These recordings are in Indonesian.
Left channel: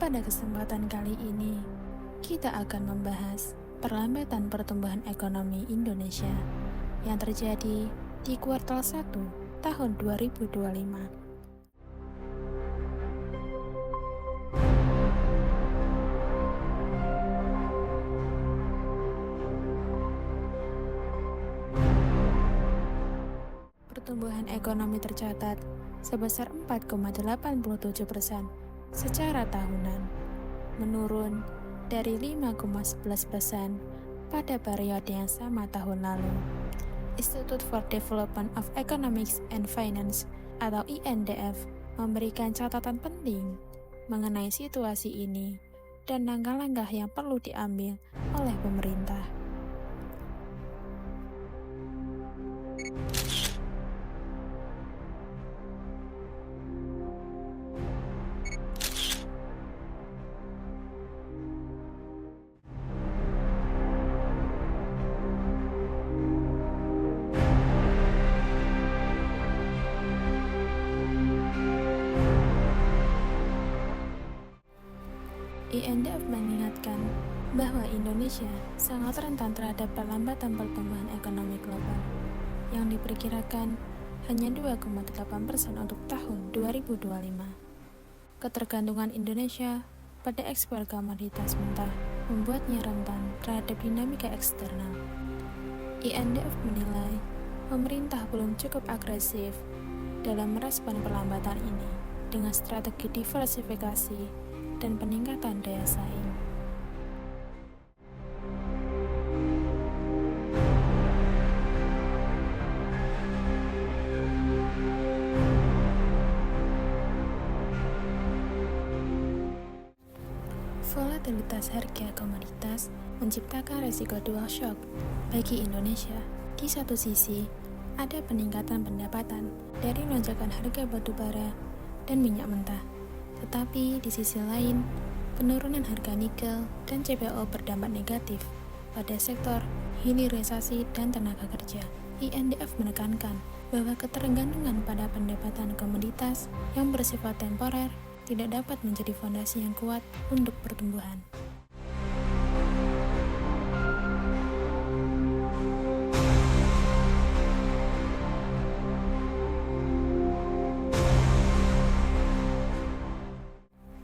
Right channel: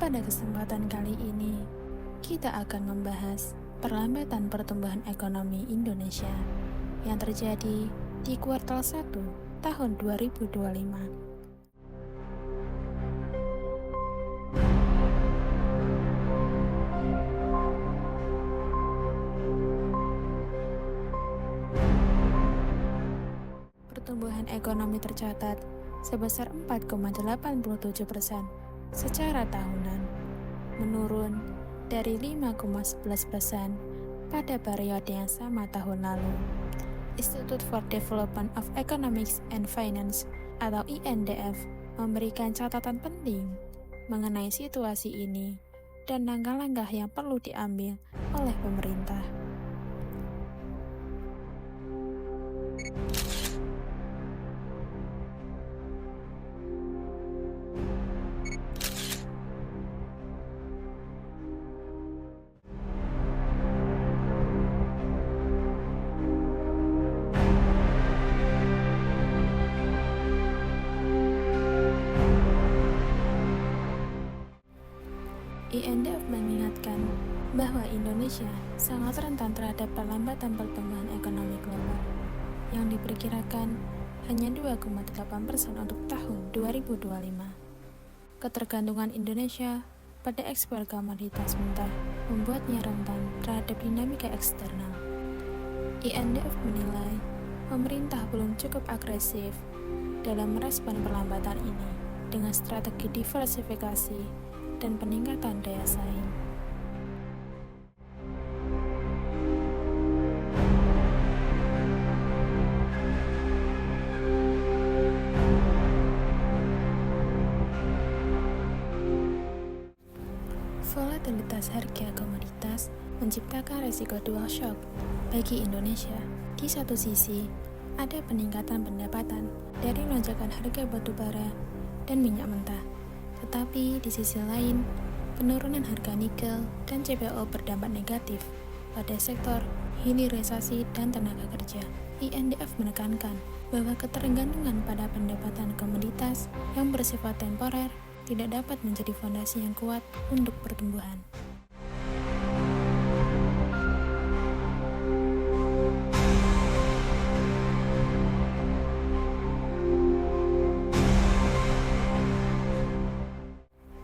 Pada kesempatan kali ini, kita akan membahas perlambatan pertumbuhan ekonomi Indonesia yang terjadi di kuartal 1 tahun 2025. Pertumbuhan ekonomi tercatat sebesar 4,87% secara tahunan, menurun dari 5,11% pada periode yang sama tahun lalu. Institute for Development of Economics and Finance atau INDF memberikan catatan penting mengenai situasi ini dan langkah-langkah yang perlu diambil oleh pemerintah. INDF mengingatkan bahwa Indonesia sangat rentan terhadap perlambatan pertumbuhan ekonomi global yang diperkirakan hanya 2,8% untuk tahun 2025. Ketergantungan Indonesia pada ekspor komoditas mentah membuatnya rentan terhadap dinamika eksternal. INDF menilai pemerintah belum cukup agresif dalam merespon perlambatan ini dengan strategi diversifikasi dan peningkatan daya saing. Volatilitas harga komoditas menciptakan resiko dual shock bagi Indonesia. Di satu sisi, ada peningkatan pendapatan dari lonjakan harga batu bara dan minyak mentah. Tetapi di sisi lain, penurunan harga nikel dan CPO berdampak negatif pada sektor hilirisasi dan tenaga kerja. INDF menekankan bahwa ketergantungan pada pendapatan komoditas yang bersifat temporer tidak dapat menjadi fondasi yang kuat untuk pertumbuhan.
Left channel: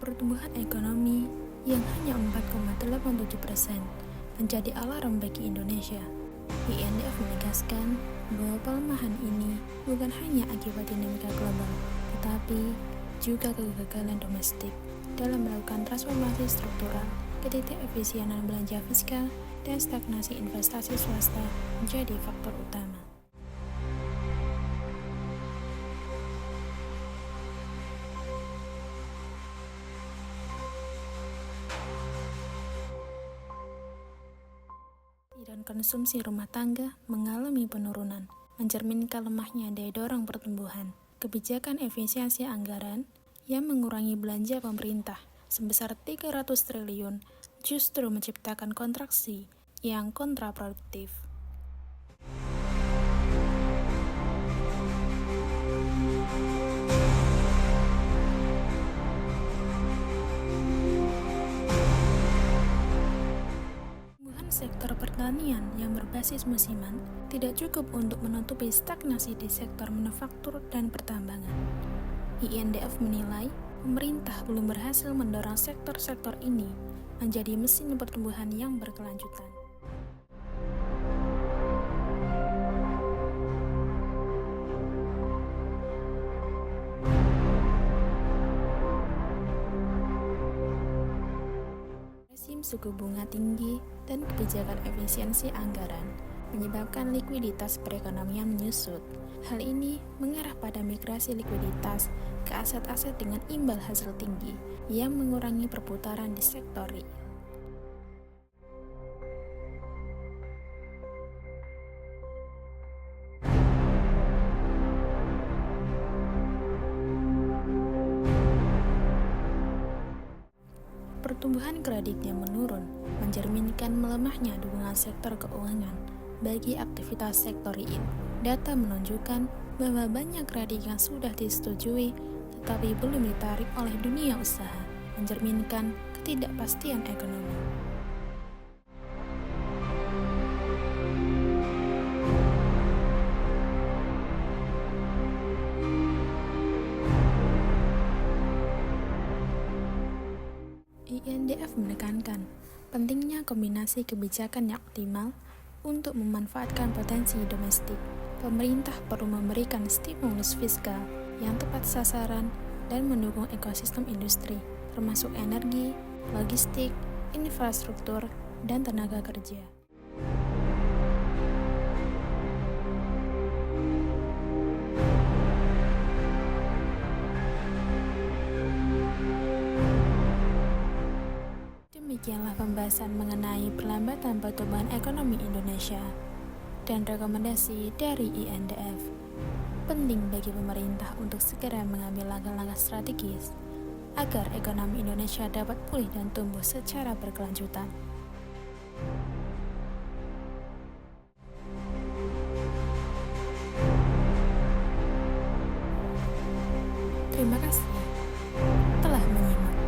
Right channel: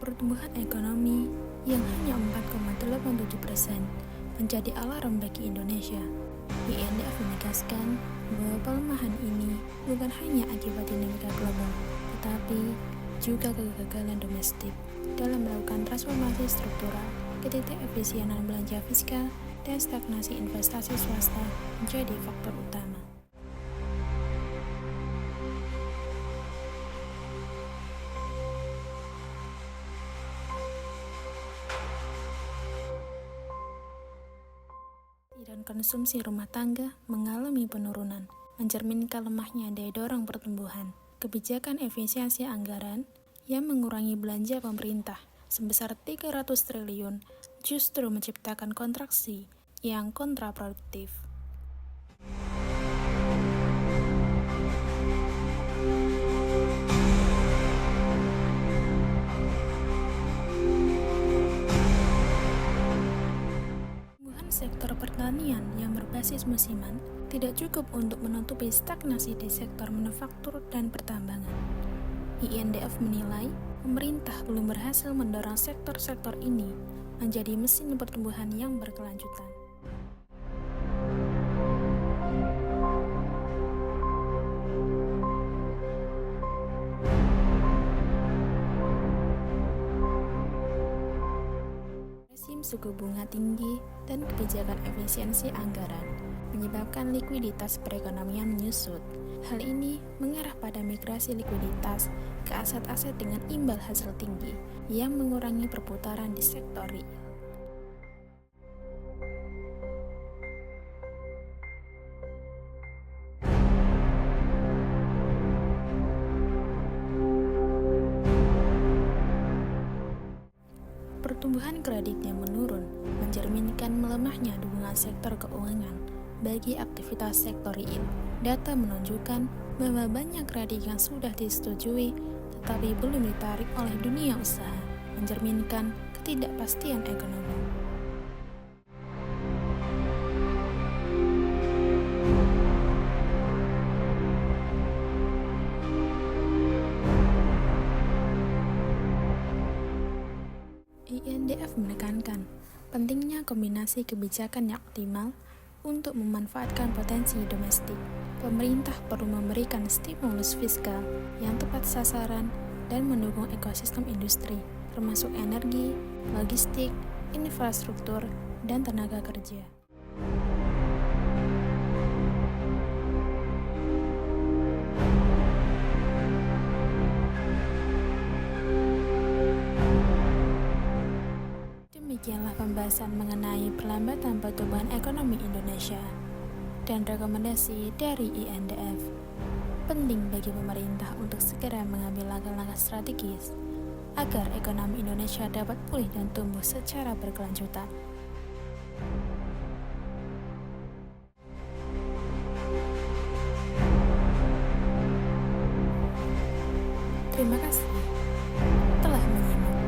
Pertumbuhan ekonomi yang hanya 4,87% menjadi alarm bagi Indonesia. INDF menegaskan bahwa pelemahan ini bukan hanya akibat dinamika global, tetapi juga kegagalan domestik dalam melakukan transformasi struktural, ketidakefisienan belanja fiskal, dan stagnasi investasi swasta menjadi faktor utama. Dan konsumsi rumah tangga mengalami penurunan, mencerminkan lemahnya daya dorong pertumbuhan. Kebijakan efisiensi anggaran yang mengurangi belanja pemerintah sebesar 300 triliun justru menciptakan kontraksi yang kontraproduktif. Sektor pertanian yang berbasis musiman tidak cukup untuk menutupi stagnasi di sektor manufaktur dan pertambangan. INDF menilai pemerintah belum berhasil mendorong sektor-sektor ini menjadi mesin pertumbuhan yang berkelanjutan. Suku bunga tinggi dan kebijakan efisiensi anggaran menyebabkan likuiditas perekonomian menyusut. Hal ini mengarah pada migrasi likuiditas ke aset-aset dengan imbal hasil tinggi yang mengurangi perputaran di sektor real. Pertumbuhan kredit yang menurun mencerminkan melemahnya dukungan sektor keuangan bagi aktivitas sektor real. Data menunjukkan bahwa banyak kredit yang sudah disetujui tetapi belum ditarik oleh dunia usaha. mencerminkan ketidakpastian ekonomi. INDF menekankan pentingnya kombinasi kebijakan yang optimal untuk memanfaatkan potensi domestik. Pemerintah perlu memberikan stimulus fiskal yang tepat sasaran dan mendukung ekosistem industri, termasuk energi, logistik, infrastruktur, dan tenaga kerja. Demikianlah pembahasan mengenai perlambatan pertumbuhan ekonomi Indonesia dan rekomendasi dari INDF. Penting bagi pemerintah untuk segera mengambil langkah-langkah strategis agar ekonomi Indonesia dapat pulih dan tumbuh secara berkelanjutan. Terima kasih telah menyimak.